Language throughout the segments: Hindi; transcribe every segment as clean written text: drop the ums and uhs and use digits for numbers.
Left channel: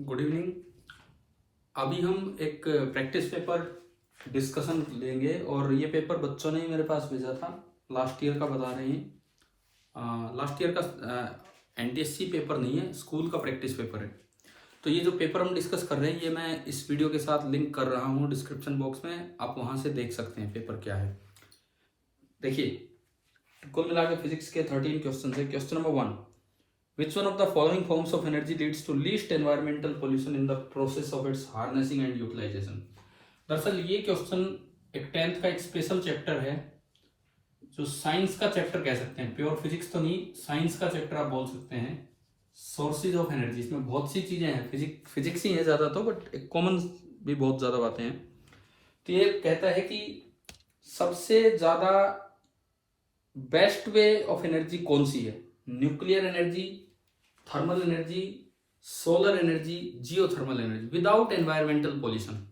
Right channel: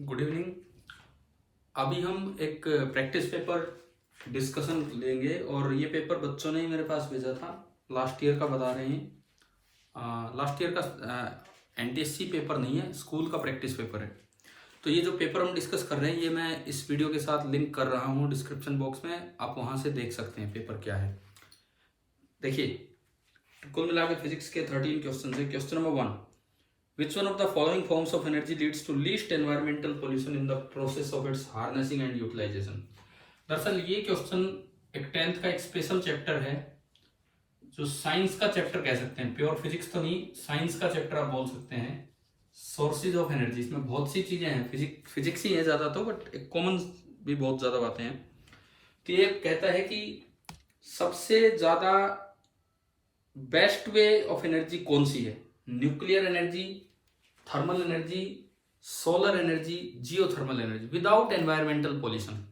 Good evening. अभी हम एक प्रैक्टिस पेपर डिस्कशन लेंगे और ये पेपर बच्चों ने ही मेरे पास भेजा था। लास्ट ईयर का बता रहे हैं। लास्ट ईयर का एनटीएससी पेपर नहीं है, स्कूल का प्रैक्टिस पेपर है। तो ये जो पेपर हम डिस्कस कर रहे हैं ये मैं इस वीडियो के साथ लिंक कर रहा हूँ डिस्क्रिप्शन बॉक्स में, आप वहाँ से देख सकते हैं पेपर क्या है। देखिए, कुल मिला के फिजिक्स के 13 क्वेश्चन है। Question number 1, which one of the following forms of energy leads to least environmental pollution in the process of its harnessing and utilization? दरअसल ये क्वेश्चन एक 10th का एक स्पेशल चैप्टर है, जो साइंस का चैप्टर कह सकते हैं, प्योर फिजिक्स तो नहीं, साइंस का चैप्टर आप बोल सकते हैं। सोर्सेज ऑफ एनर्जी, इसमें बहुत सी चीजें हैं, फिजिक्स ही है ज्यादा तो, बट एक कॉमन भी बहुत ज्यादा बातें हैं। तो ये कहता है कि सबसे ज्यादा बेस्ट वे ऑफ एनर्जी कौन सी है? Nuclear energy, thermal energy, solar energy, geothermal energy without environmental pollution.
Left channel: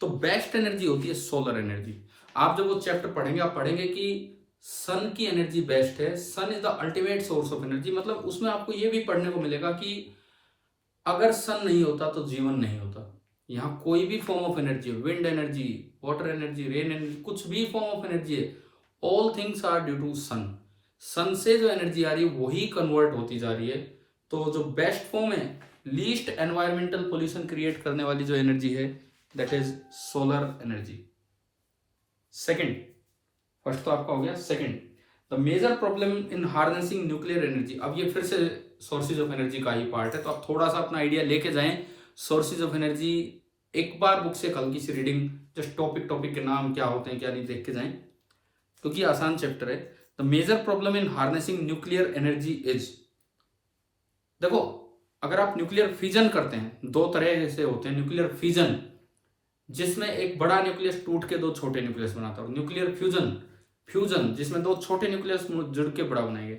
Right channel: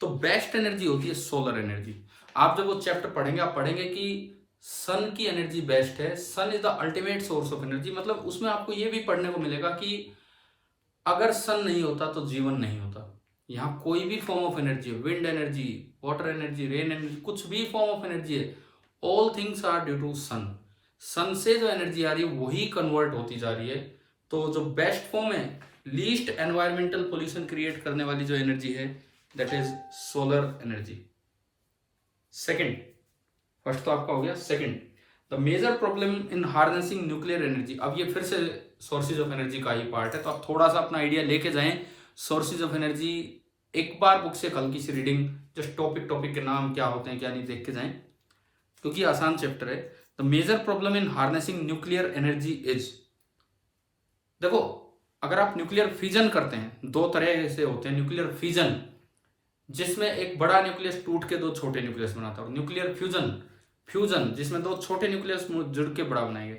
तो बेस्ट एनर्जी होती है सोलर एनर्जी। आप जब वो चैप्टर पढ़ेंगे आप पढ़ेंगे कि सन की एनर्जी बेस्ट है, sun is the ultimate source of energy. मतलब उसमें आपको ये भी पढ़ने को मिलेगा कि अगर सन नहीं होता तो जीवन नहीं होता। यहाँ कोई भी फॉर्म ऑफ एनर्जी है, wind energy, water energy, rain energy, कुछ भी फॉर्म ऑफ एनर्जी है, all things are due to sun. Sun से जो एनर्जी आ रही है वही कन्वर्ट होती जा रही है। तो जो बेस्ट फॉर्म है, लीस्ट एनवायरमेंटल पोल्यूशन क्रिएट करने वाली जो एनर्जी है, that is solar energy. Second, first तो आपका हो गया। Second, the major problem in harnessing nuclear energy. अब ये फिर से सोर्सेज ऑफ एनर्जी का ही पार्ट है, तो आप थोड़ा सा अपना आइडिया लेके जाएं। सोर्सेज ऑफ एनर्जी एक बार बुक से हल्की सी रीडिंग, जस्ट टॉपिक के नाम क्या होते हैं क्या नहीं देख के जाएं, क्योंकि आसान चैप्टर है। The major problem in harnessing nuclear energy is, देखो अगर आप न्यूक्लियर फ्यूजन करते हैं, दो तरह से होते हैं। न्यूक्लियर फ्यूजन जिसमें एक बड़ा न्यूक्लियस टूट के दो छोटे न्यूक्लियस बनाता है, और न्यूक्लियर फ्यूजन जिसमें दो छोटे न्यूक्लियस जुड़ के बड़ा बनाएंगे।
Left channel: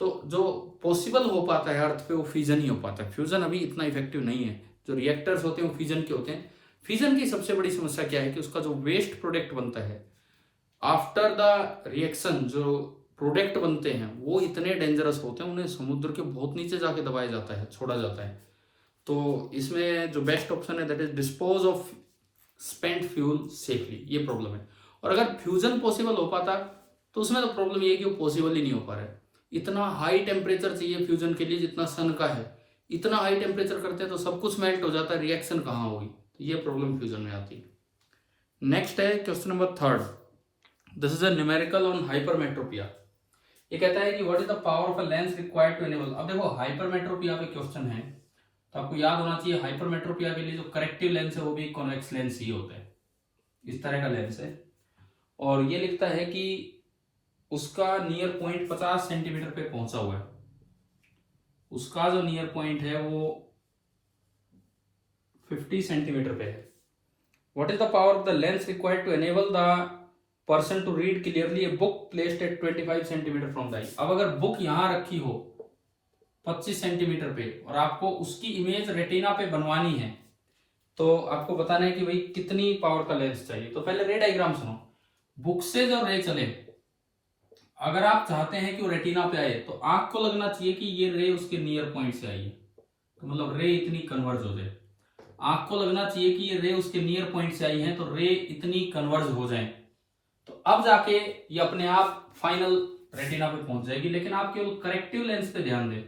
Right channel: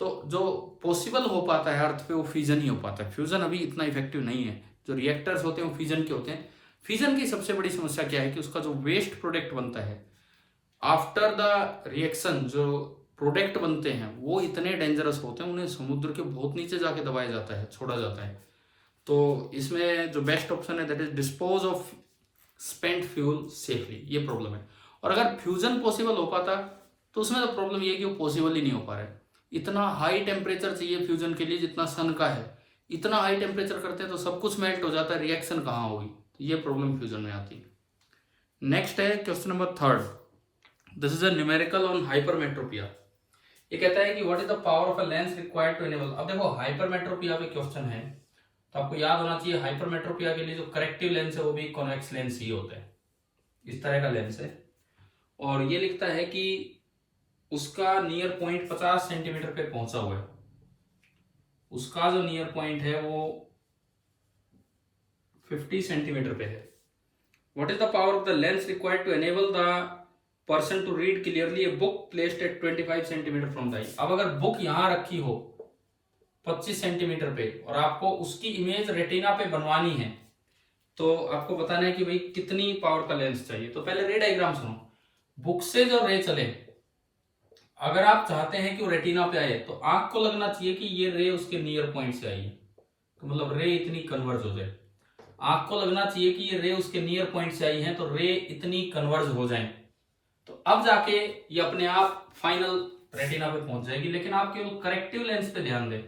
तो जो पॉसिबल हो पाता है अर्थ पे वो फ्यूजन ही हो पाता है। फ्यूजन अभी इतना इफेक्टिव नहीं है। जो रिएक्टर्स होते हैं वो फ्यूजन के होते हैं। फ्यूजन की सबसे बड़ी समस्या क्या है कि उसका जो वेस्ट प्रोडक्ट बनता है आफ्टर द रिएक्शन, जो प्रोडक्ट बनते हैं वो इतने डेंजरस होते हैं, उन्हें समुद्र के बहुत नीचे जाके दबाया जाता है, छोड़ा जाता है। तो इसमें जो बेस्ट ऑप्शन है that is dispose of spent fuel safely, ये प्रॉब्लम है। और अगर फ्यूजन पॉसिबल हो पाता तो उसमें तो प्रॉब्लम ये है कि वो पॉसिबल ही नहीं हो पा रहा है। इतना हाई टेम्परेचर चाहिए फ्यूजन के लिए जितना सन का है। इतना हाई टेम्परेचर करते हैं तो सब कुछ मेल्ट हो जाता है, रिएक्शन कहाँ होगी? तो ये प्रॉब्लम फ्यूजन में आती है। नेक्स्ट है question number 3, this is a numerical on hypermetropia. ये कहता है कि what is the power of a lens required to enable. अब देखो हाइपरमेट्रोपिया पे क्वेश्चन है तो आपको याद होना चाहिए हाइपरमेट्रोपिया के लिए जो करेक्टिव लेंस है वो भी कॉन्वेक्स लेंस ही होता है। इस तरह का लेंस है और ये लिखता है कि उसका नियर पॉइंट 50 सेंटीमीटर पे पहुंचा हुआ है। उसका जो नियर पॉइंट है वो 50 सेंटीमीटर पे है। What is the power of the lens required to enable the person to read clearly a book placed at 25 centimetre from the eye. अब अगर बुक यहां रखी हो 25 सेंटीमीटर पे और आपको उसकी इमेज रेटिना पे बनवानी है तो आपको बताना है कि भाई कितनी पावर का लेंस चाहिए। तो पहले रे डायग्राम सुनो। बुक से जो रे चले, अगर आप चाहते हैं कि वो रेटिना पे आए तो आंख को लगना चाहिए कि ये रे उसके नियर पॉइंट से आई है, तो मतलब रे इतनी कन्वर्ज हो जाए। आंख को लगना चाहिए कि ये रे उसके नियर पॉइंट से आई है तो रे इतनी कन्वर्ज हो जाए, तो अब जाके ये अपने आप फाइनल रेटिना पे पहुंच जाएगी। लेकिन आप केवल करेक्टिव लेंस पे ध्यान दें,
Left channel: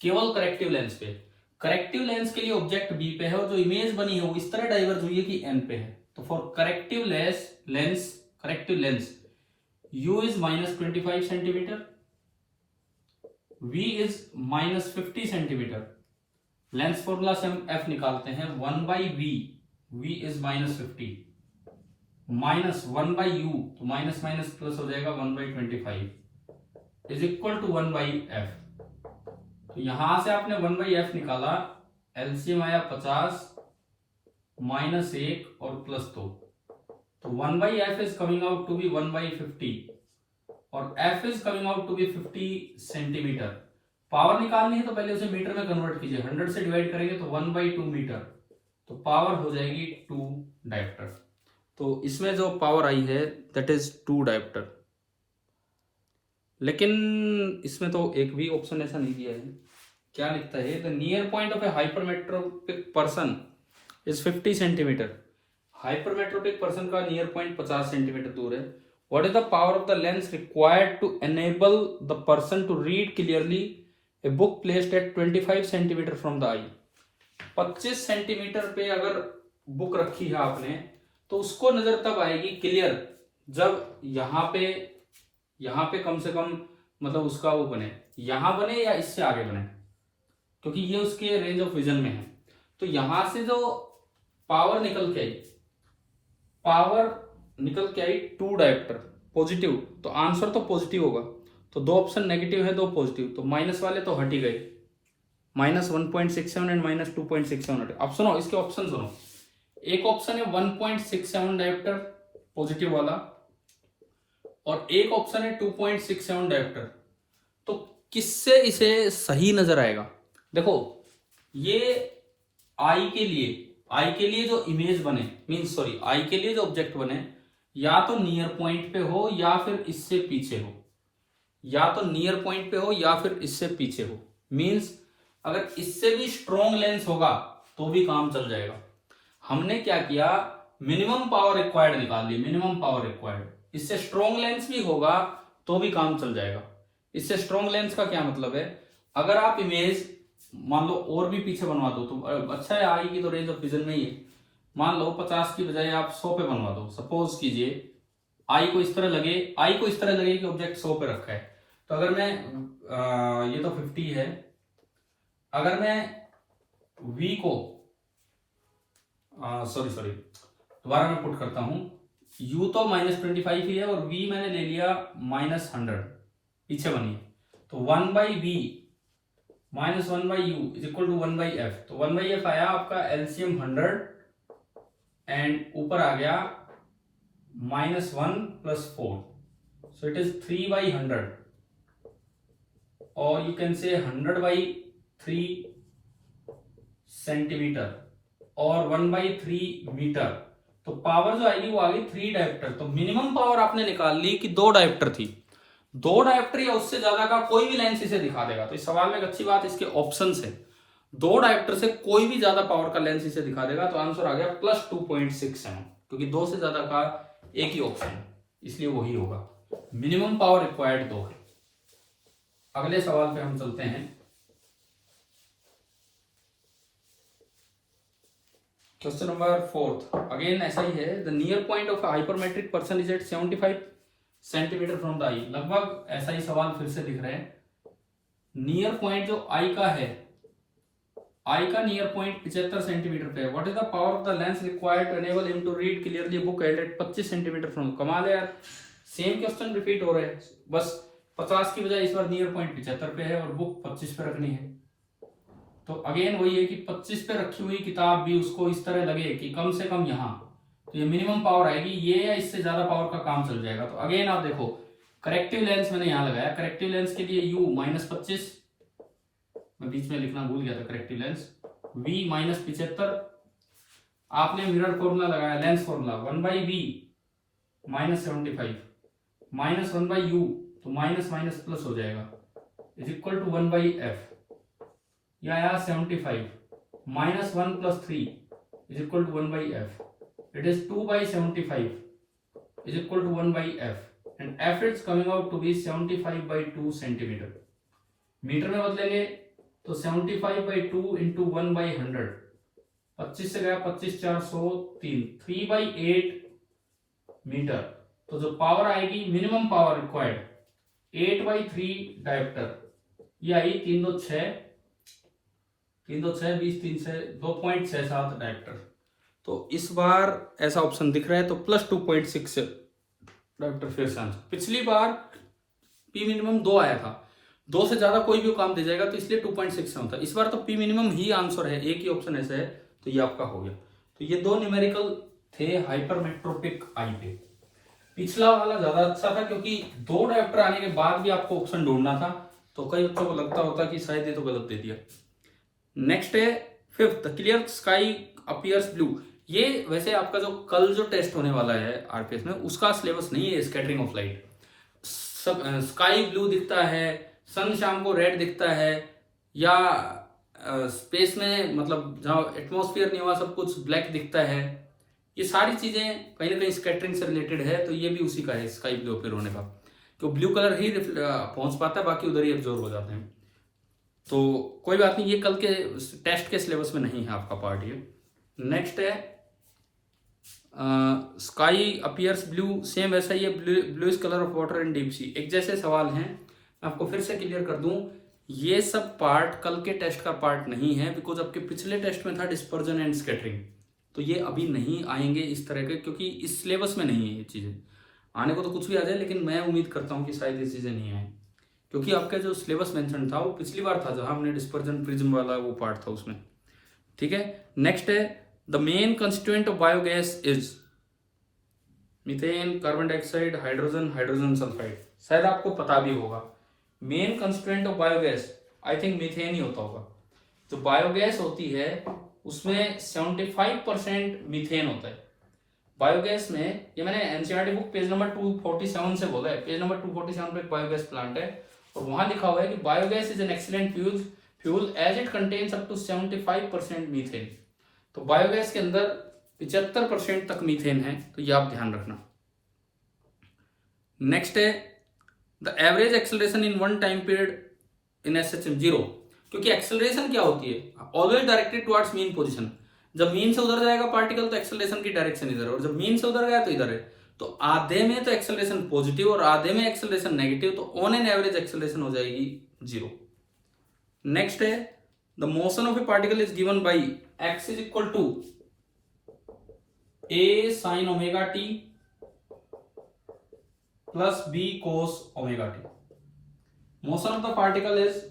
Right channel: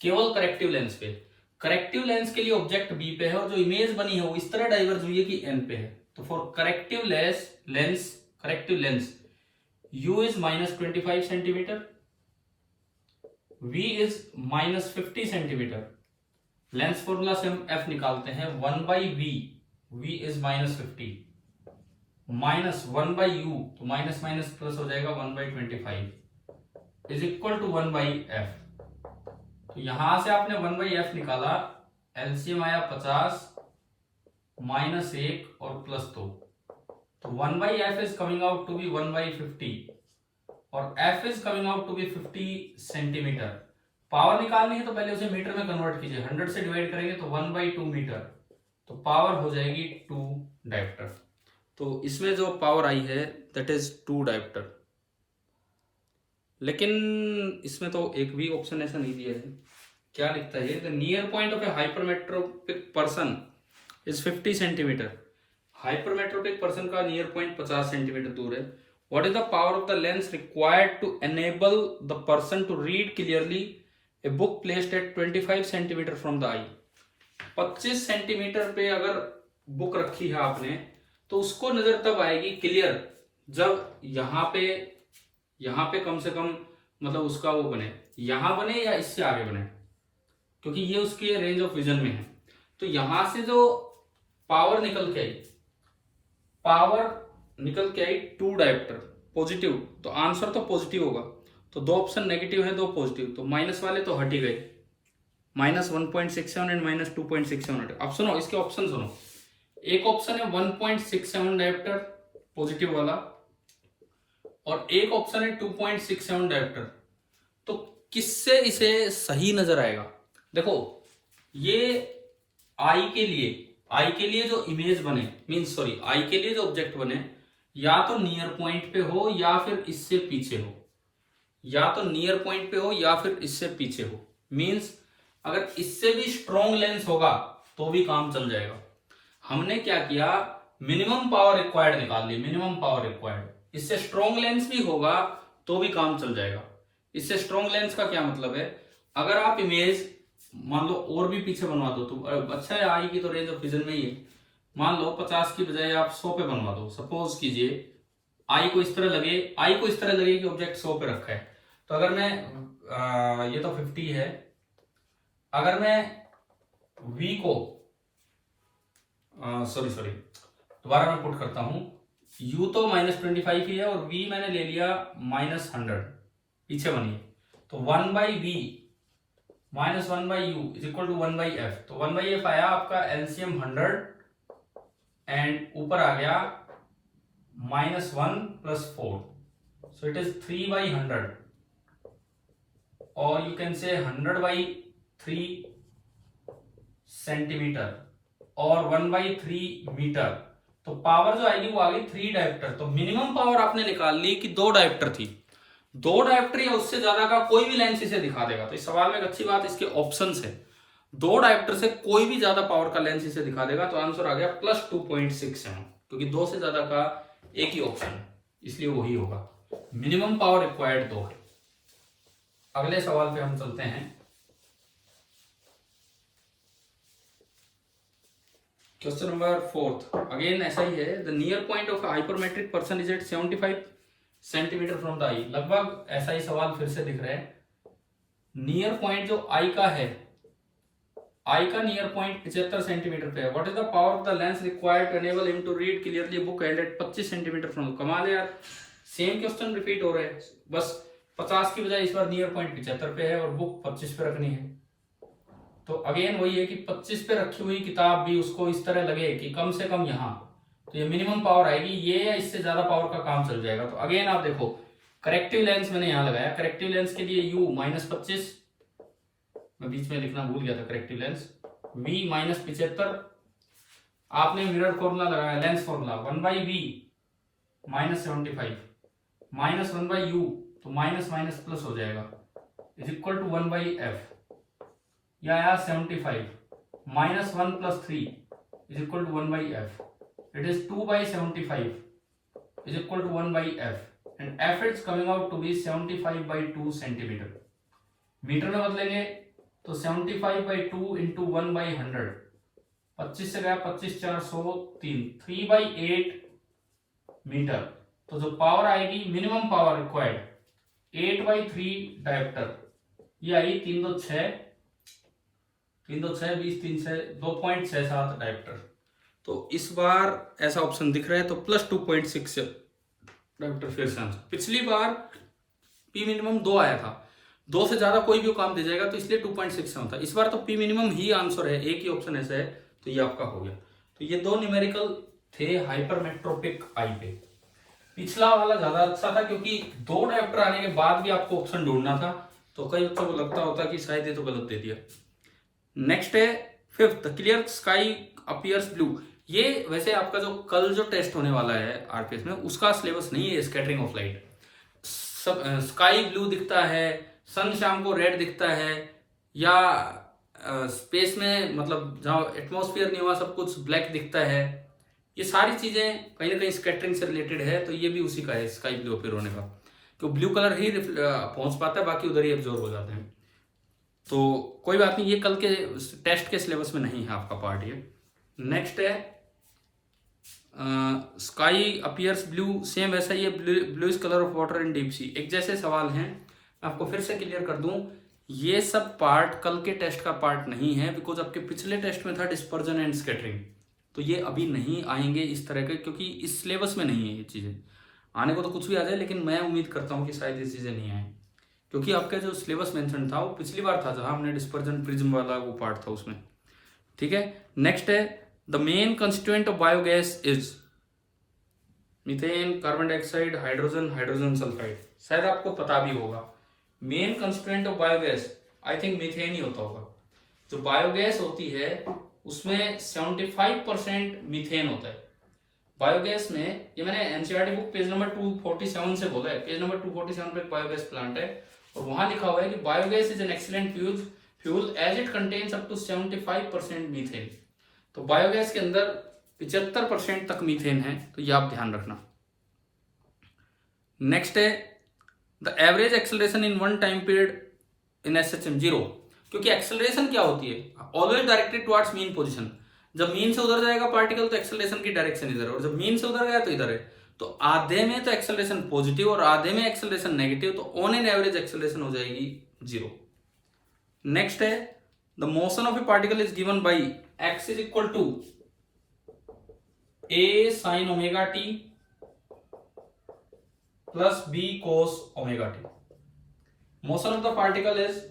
केवल करेक्टिव लेंस पे। करेक्टिव लेंस के लिए ऑब्जेक्ट बी पे है और जो इमेज बनी है वो इस तरह डाइवर्ज हुई है कि एन पे है। तो for corrective lens u is -25 centimetre, v is -50 centimetre. Lens formula से हम f निकालते हैं 1/v, v is -50 minus 1/u, तो माइनस माइनस प्लस हो जाएगा 1/25 इज इक्वल टू 1/f। तो यहां से आपने 1/f निकाला, एलसीएम आया 50 -1 और +2, तो 1/f is coming out to be 1/50 और f is coming out to be 50 centimetre. Power निकालनी है तो पहले उसे मीटर में कन्वर्ट कीजिए, 100 से डिवाइड करेंगे तो 1/2 मीटर, तो पावर हो जाएगी 2 डायोप्टर। तो इसमें जो पावर आई है दैट इज 2 डायोप्टर। लेकिन इसमें तो एक भी ऑप्शन ऐसा नहीं दिया है क्या लिखता है, the near point of a hypermetropic person is 50 centimetre. Hypermetropic person का नियर पॉइंट 50 सेंटीमीटर दूर है। What is the power of the lens required to enable the person to read clearly a book placed at 25 centimetre from the eye. 25 centimetre पे अगर बुक रखी है आपने तो उसको नजर तब आएगी क्लियर जब यहाँ पे कम से कम मतलब उसका वो बने, यहां बने या इससे आगे बने, क्योंकि ये उसके रेंज ऑफ विजन में है। तो यहां से जो पावर निकल के आई 2 डायोप्टर पॉजिटिव, तो आंसर तो पॉजिटिव होगा। तो 2 ऑप्शन नेगेटिव है, 2 पॉजिटिव, तो माइनस वाले तो हट ही गए, -1.67 एंड -2.67। अब सुनो इसके ऑप्शन सुनो। एक ऑप्शन है 1.67 डायोप्टर पॉजिटिव वाला और एक ऑप्शन है 2.67 डायोप्टर। तो किससे इसे सही नजर आएगा? देखो ये आई के लिए जो इमेज बने आई के लिए जो ऑब्जेक्ट बने या तो नियर पॉइंट पे हो या फिर इससे पीछे हो, मीन्स अगर इससे भी स्ट्रॉन्ग लेंस होगा तो भी काम चल जाएगा। हमने क्या किया, मिनिमम पावर रिक्वायर्ड निकाल ली, मिनिमम पावर रिक्वायर्ड। इससे स्ट्रॉन्ग लेंस भी होगा तो भी काम चल जाएगा। इससे स्ट्रॉन्ग लेंस का क्या मतलब है, अगर आप इमेज मान लो और भी पीछे बनवा दो तो अच्छा है, आई की तो रेंज ऑफ विजन में ही है। मान लो 50 की बजाय आप 100 पे बनवा दो, सपोज कीजिए आई को इस तरह लगे कि ऑब्जेक्ट 100 पे रखा है। तो अगर मैं ये तो 50 है, अगर मैं v को दोबारा मैं पुट करता हूं, u तो -25 ही है और v मैंने ले लिया -100, पीछे बनिए। तो 1/v -1/u is equal to 1/f। तो 1/f आया आपका एलसीएम 100 एंड ऊपर आ गया -1 + 4, सो इट इज 3/100 और यू कैन से 100/3 सेंटीमीटर और 1/3 मीटर। तो पावर जो आएगी वो आ गई 3 डायोप्टर। तो मिनिमम पावर आपने निकाल ली कि 2 डायोप्टर थी, 2 डायोप्टर या उससे ज्यादा का कोई भी लेंस इसे दिखा देगा। तो इस सवाल में एक अच्छी बात इसके ऑप्शंस है, 2 डायोप्टर से कोई भी ज्यादा पावर का लेंस इसे दिखा देगा। तो आंसर आ गया +2.67, क्योंकि 2 से ज्यादा का एक ही ऑप्शन है, इसलिए वही होगा। मिनिमम पावर रिक्वायर्ड 2 है। अगले सवाल पे हम चलते हैं। क्वेश्चन नंबर 4, अगेन ऐसा ही है। The near point of hypermetropic person is at 75 centimetre from the eye. लगभग ऐसा ही सवाल फिर से दिख रहा है। नियर पॉइंट जो आई का है, आई का नियर पॉइंट 75 सेंटीमीटर पे है। What is the power of the lens required to enable him to read clearly book held at 25 centimetre from. कमाल है यार, सेम क्वेश्चन रिपीट हो रहे हैं, बस 50 की बजाय इस बार नियर पॉइंट 75 पे है और बुक 25 पे रखनी है। तो अगेन वही है कि 25 पे रखी हुई किताब भी उसको इस तरह लगे कि कम से कम यहाँ, तो ये मिनिमम पावर आएगी, ये या इससे ज्यादा पावर का काम चल जाएगा। तो अगेन आप देखो, करेक्टिव लेंस मैंने यहाँ लगाया, करेक्टिव लेंस के लिए u -25, मैं बीच में लिखना भूल गया था, करेक्टिव लेंस v -75, आपने मिरर फॉर्मूला लगाया, लेंस फॉर्मूला 1/v -75 -1/u, तो माइनस माइनस प्लस हो जाएगा, इज इक्वल टू 1/f। या आया 75 -1 + 3 is equal to 1/f। It is 2/75 is equal to 1/f and f is coming out to be 75/2 centimetre. Metre में बदलेंगे तो 75/2 इंटू 1/100, 25 से गया 25 4 103, 3/8 मीटर। तो जो पावर आएगी, मिनिमम पावर रिक्वायर्ड 8/3 डायोप्टर, ये आई 3 2 6 20 3 6 2.67 डायोप्टर। तो इस बार ऐसा ऑप्शन दिख रहा है, तो +2.6 डायोप्टर फिर से आंसर। पिछली बार पी मिनिमम 2 आया था, 2 से ज्यादा कोई भी काम दे जाएगा, तो इसलिए 2.67 था। इस बार तो पी मिनिमम ही आंसर है, एक ही ऑप्शन ऐसा है, तो ये आपका हो गया। तो ये 2 न्यूमेरिकल थे हाइपरमेट्रोपिक आई पे। पिछला वाला ज्यादा अच्छा था क्योंकि 2 डायोप्टर आने के बाद भी आपको ऑप्शन ढूंढना था, तो कई बच्चों को लगता होता कि शायद ये तो गलत दे दिया। नेक्स्ट है 5th, clear sky appears blue. ये वैसे आपका जो कल जो टेस्ट होने वाला है आरपीएस में, उसका सिलेबस नहीं है स्कैटरिंग ऑफ लाइट। सब स्काई ब्लू दिखता है, सन शाम को रेड दिखता है, या स्पेस में, मतलब जहाँ एटमॉस्फेयर नहीं हुआ सब कुछ ब्लैक दिखता है, ये सारी चीज़ें कहीं ना कहीं स्कैटरिंग से रिलेटेड है। तो ये भी उसी का है, स्काई ब्लू अपीयर होने का, तो ब्लू कलर ही पहुंच पाता है, बाकी उधर ही एब्जॉर्ब हो जाते हैं। तो कोई बात नहीं, ये कल के टेस्ट के सिलेबस में नहीं है आपका पार्ट ये। नेक्स्ट है स्काई अपीयर्स ब्लू, सेम वैसा ही है, bluish colour of water in deep sea, एक जैसे सवाल हैं। आपको फिर से क्लियर कर दूं, ये सब पार्ट कल के टेस्ट का पार्ट नहीं है, बिकॉज आपके पिछले टेस्ट में था डिस्पर्जन एंड स्कैटरिंग, तो ये अभी नहीं आएंगे इस तरह के, क्योंकि इस सिलेबस में नहीं है ये चीज़ें। आने को तो कुछ भी आ जाए, लेकिन मैं उम्मीद करता हूँ कि शायद ये चीज़ें नहीं आए, क्योंकि आपका जो सिलेबस मेंशन था वो पिछली बार था जहां हमने डिस्पर्जन प्रिज्म वाला वो पार्ट था उसमें। ठीक है, नेक्स्ट है the main constituent of biogas is methane, carbon dioxide, hydrogen, hydrogen sulphide. शायद आपको पता भी होगा main constituent of biogas, I think methane ही होता होगा। जो बायोगैस होती है उसमें 75% मीथेन होता है बायोगैस में। ये मैंने एनसीईआरटी बुक पेज नंबर 247 से बोला है, पेज नंबर 247 पे बायोगैस प्लांट है, और वहां लिखा हुआ है कि biogas is an excellent fuel as it contains up to 75% methane. तो बायोगैस के अंदर 75% तक मीथेन है, तो ये आप ध्यान रखना। नेक्स्ट है the average acceleration in one time period in SHM 0, क्योंकि एक्सेलरेशन क्या होती है, always directed towards mean position. जब मीन से उधर जाएगा पार्टिकल तो एक्सेलरेशन की डायरेक्शन इधर है, और जब मीन से उधर गया तो इधर है। तो आधे में तो एक्सेलरेशन पॉजिटिव और आधे में एक्सेलरेशन नेगेटिव, तो ऑन एन एवरेज एक्सेलरेशन हो जाएगी 0। नेक्स्ट है the motion of a particle is given by x is equal to a sine omega t plus b cos omega t. Motion of the particle is,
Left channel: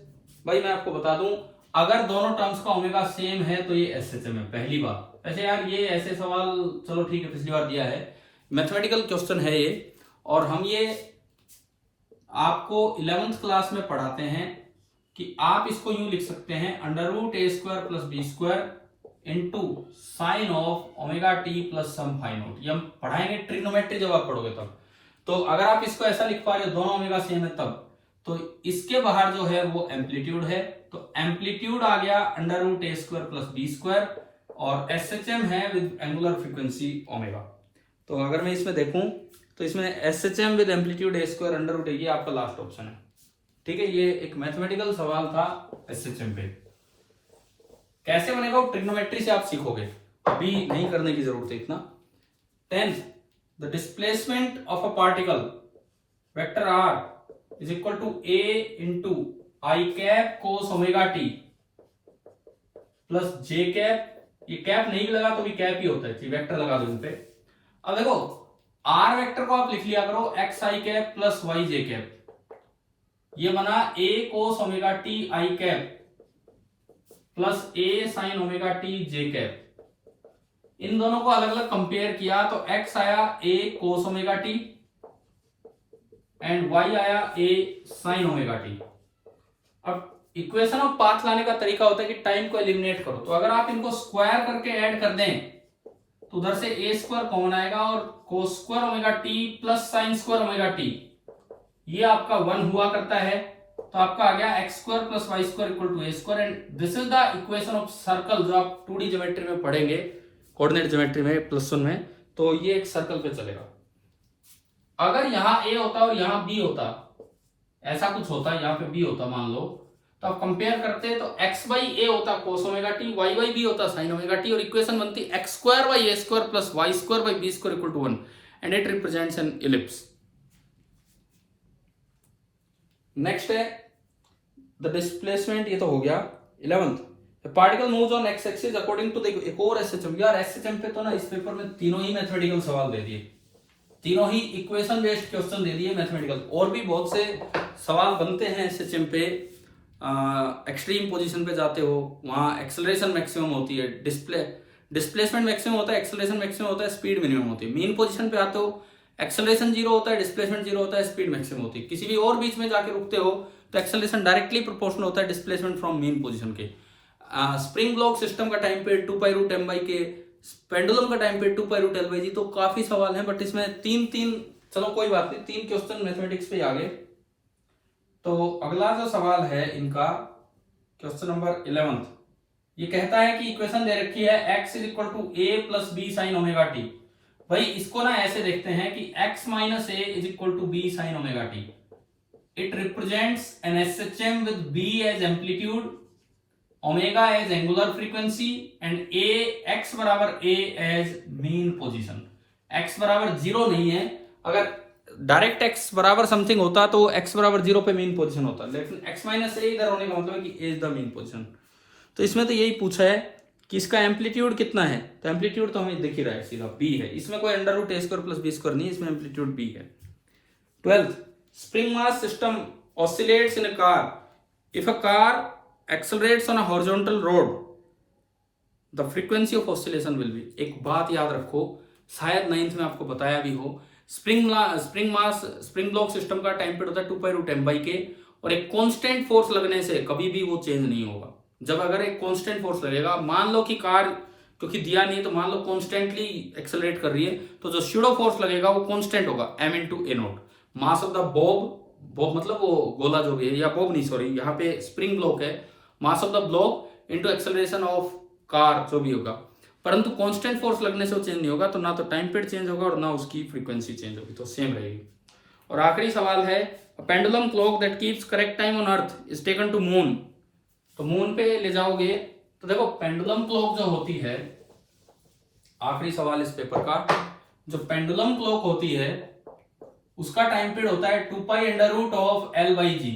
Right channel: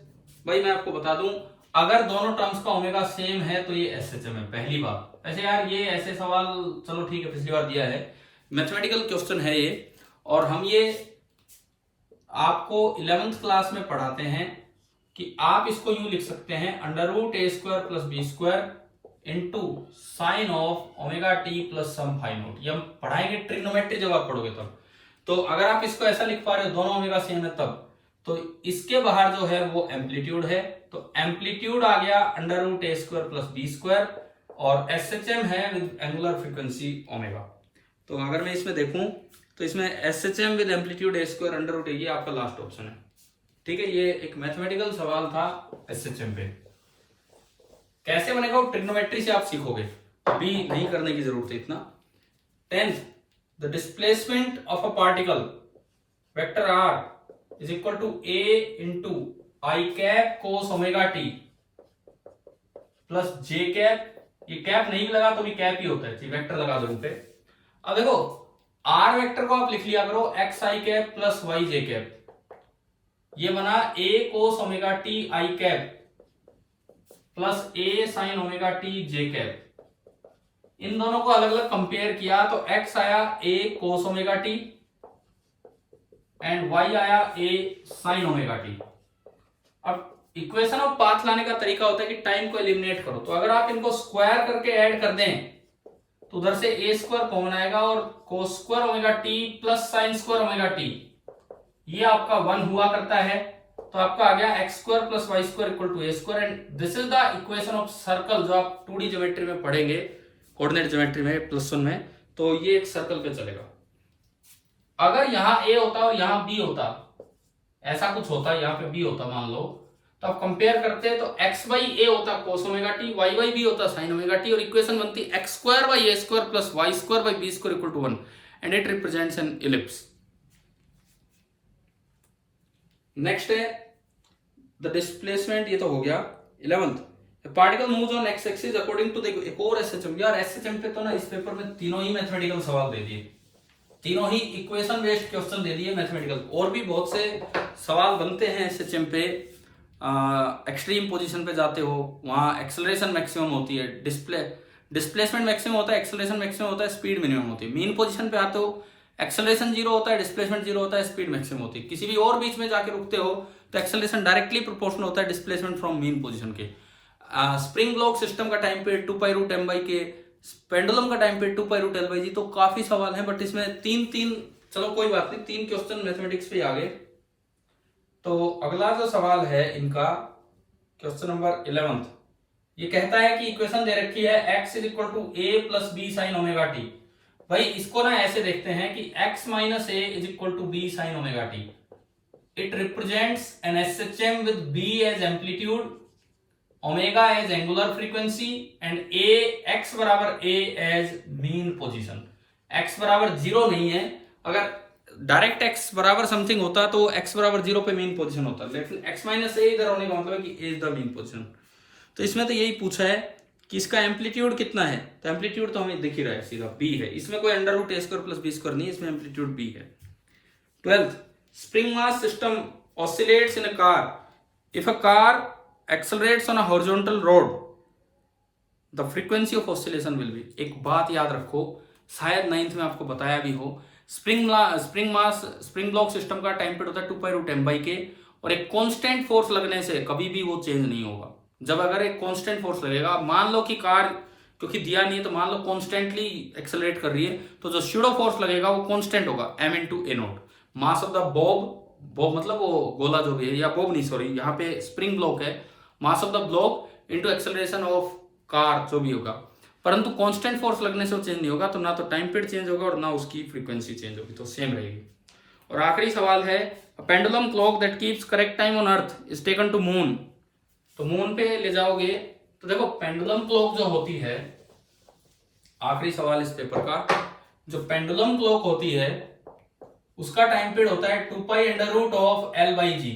भाई मैं आपको बता दूं, अगर दोनों टर्म्स का ओमेगा सेम है तो ये एसएचएम है, पहली बात। ऐसे यार ये ऐसे सवाल, चलो ठीक है पिछली बार दिया है, मैथमेटिकल क्वेश्चन है ये, और हम ये आपको 11th क्लास में पढ़ाते हैं कि आप इसको यूं लिख सकते हैं √a² plus b² into sine of omega t plus some phi naught. ये हम पढ़ाएंगे ट्रिग्नोमेट्री जब आप पढ़ोगे तब। तो अगर आप इसको ऐसा लिख पा रहे हो दोनों ओमेगा सेम है तब, तो इसके बाहर जो है वो एम्पलीट्यूड है, तो एम्पलीट्यूड आ गया √a² प्लस b², और एसएचएम है विद एंगुलर फ्रीक्वेंसी ओमेगा। तो अगर मैं इसमें देखूं तो इसमें SHM with amplitude a² √a, ये आपका लास्ट ऑप्शन है। ठीक है, ये एक मैथमेटिकल सवाल था एसएचएम पे। कैसे बनेगा वो ट्रिग्नोमेट्री से आप सीखोगे, अभी नहीं करने की जरूरत है इतना। 10th, the displacement of a particle vector r is equal to a into i cap cos omega t plus j cap, ये कैप नहीं भी लगा तो भी कैप ही होता है, वेक्टर लगा दो इन पे। अब देखो आर वेक्टर को आप लिख लिया करो X I cap plus Y J cap, ये बना a cos omega T I cap plus a sine omega T J cap. इन दोनों को अलग अलग कंपेयर किया तो x आया a cos omega T and y आया a साइन ओमेगा टी। अब इक्वेशन ऑफ पाथ लाने का तरीका होता है कि टाइम को एलिमिनेट करो, तो अगर आप इनको स्क्वायर करके ऐड कर दें तो उधर से a² कॉमन आएगा और cos² omega t plus sin² omega T, ये आपका 1 हुआ करता है, तो आपका आ गया x² plus y² equal to a², and this is the equation of circle, जो आप 2D ज्योमेट्री में पढ़ेंगे, कोऑर्डिनेट ज्योमेट्री में +1 में, तो ये एक सर्कल पे चलेगा। अगर यहाँ a होता और यहाँ b होता, ऐसा कुछ होता, यहाँ पे b होता मान लो, तो आप कंपेयर करते तो x बाई a होता cos omega t, y by b होता sin ओमेगा टी, और इक्वेशन बनती x² by a² plus y² by b² equal to 1, and it represents an ellipse. Next है द डिस्प्लेसमेंट, ये तो हो गया 11th, particle moves on x axis according to the, एक और एसएचएम। यार एसएचएम पे तो ना इस पेपर में तीनों ही मैथमेटिकल सवाल दे दिए, तीनों ही इक्वेशन बेस्ड क्वेश्चन दे दिए मैथमेटिकल, और भी बहुत से सवाल बनते हैं एसएचएम पे। एक्सट्रीम पोजीशन पे जाते हो, वहां एक्सेलरेशन मैक्सिमम होती है, डिस्प्लेसमेंट मैक्सिमम होता है, एक्सेलरेशन मैक्सिमम होता है, स्पीड मिनिमम होती है। मीन पोजीशन पे आते हो, एक्सेलरेशन 0 होता है, डिस्प्लेसमेंट 0 होता है, स्पीड मैक्सिमम होती है। किसी भी और बीच में जाके रुकते हो तो एक्सेलरेशन डायरेक्टली प्रोपोर्शनल होता है डिस्प्लेसमेंट फ्रॉम मीन पोजीशन के। स्प्रिंग ब्लॉक सिस्टम का टाइम पीरियड 2π√m/k, पेंडुलम का टाइम पीरियड 2π√l/g। तो काफी सवाल हैं, बट इसमें तीन चलो कोई बात नहीं, 3 क्वेश्चन मैथमेटिक्स पे आ गए। तो अगला जो सवाल है इनका क्वेश्चन नंबर 11 ये कहता है कि इक्वेशन दे रखी है x is equal to a plus b sine omega t. भाई इसको ना ऐसे देखते हैं कि x minus a is equal to b sine omega t. It represents an SHM with b as amplitude, omega as angular frequency and x बराबर a as mean position. x बराबर 0 नहीं है, अगर डायरेक्ट x बराबर समथिंग होता तो x बराबर 0 पे मीन पोजीशन होता, लेकिन x माइनस ए इधर होने का मतलब है कि a is the mean position. तो इसमें तो यही पूछा है कि इसका एम्पलीट्यूड कितना है, तो एम्पलीट्यूड तो हमें दिख ही रहा है सीधा b है, इसमें कोई under root a square plus b square नहीं, इसमें एम्पलीट्यूड b है। 12th spring mass system oscillates in a car if a car accelerates on a horizontal road the frequency of oscillation will be. एक बात याद रखो, शायद 9th में आपको बताया भी हो, स्प्रिंग ब्लॉक सिस्टम का टाइम पीरियड होता है 2 पाई रूट m बाई के, और एक कांस्टेंट फोर्स लगने से कभी भी वो चेंज नहीं होगा। जब अगर एक कांस्टेंट फोर्स लगेगा, मान लो कि कार क्योंकि दिया नहीं है तो मान लो कांस्टेंटली एक्सेलरेट कर रही है, तो जो स्यूडो फोर्स लगेगा वो कांस्टेंट होगा m into A note. Mass of the Bob मतलब वो गोला जो भी है, या बॉब नहीं सॉरी, यहाँ पे स्प्रिंग ब्लॉक है, mass of the block into acceleration of car जो भी होगा, परंतु कांस्टेंट फोर्स लगने से वो चेंज नहीं होगा, तो ना तो टाइम पीरियड चेंज होगा और ना उसकी फ्रीक्वेंसी चेंज होगी, तो सेम रहेगी। और आखिरी सवाल है, pendulum clock that keeps correct time on earth is taken to moon. तो मून पे ले जाओगे तो देखो पेंडुलम क्लॉक जो होती है, आखिरी सवाल इस पेपर का, जो पेंडुलम क्लॉक होती है उसका टाइम पीरियड होता है 2 pi under root of L by g.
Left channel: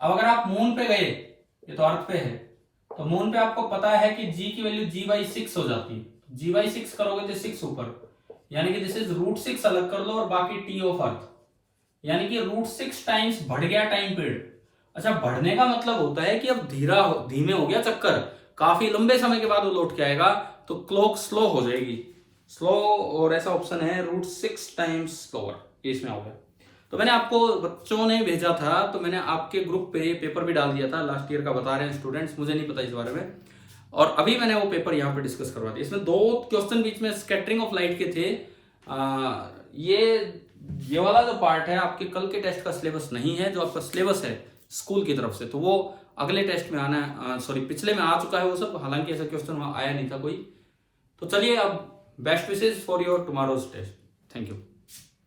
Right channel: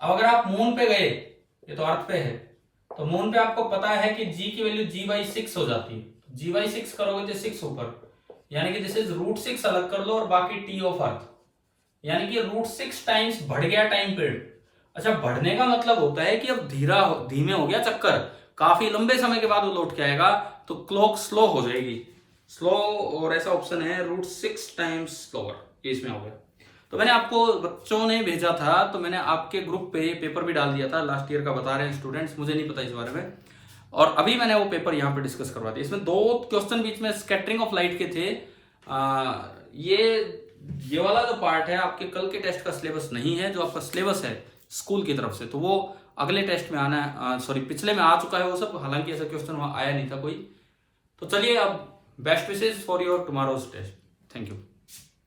अब अगर आप मून पे गए, ये तो अर्थ पे है, तो मून पे आपको पता है कि g की वैल्यू g बाई 6 हो जाती है, g बाई 6 करोगे तो 6 ऊपर, यानी कि दिस इज रूट 6 अलग कर लो और बाकी t ऑफ अर्थ, यानी कि रूट 6 टाइम्स बढ़ गया टाइम पीरियड। अच्छा, बढ़ने का मतलब होता है कि अब धीमे हो गया चक्कर, काफी लंबे समय के बाद वो लौट के आएगा, तो क्लॉक स्लो हो जाएगी, स्लो, और ऐसा ऑप्शन है रूट 6 टाइम्स स्लोअर, ये इसमें हो गया। तो मैंने आपको बच्चों ने भेजा था, तो मैंने आपके ग्रुप पे पेपर भी डाल दिया था, लास्ट ईयर का बता रहे हैं स्टूडेंट्स, मुझे नहीं पता इस बारे में, और अभी मैंने वो पेपर यहाँ पे डिस्कस करवा दिया। इसमें 2 क्वेश्चन बीच में स्कैटरिंग ऑफ लाइट के थे। ये वाला जो पार्ट है आपके कल के टेस्ट का सिलेबस नहीं है, जो आपका सिलेबस है स्कूल की तरफ से, तो वो अगले टेस्ट में आना है, सॉरी पिछले में आ चुका है वो सब, हालांकि ऐसा क्वेश्चन वहां आया नहीं था कोई। तो चलिए, अब best wishes for your tomorrow's test. Thank you.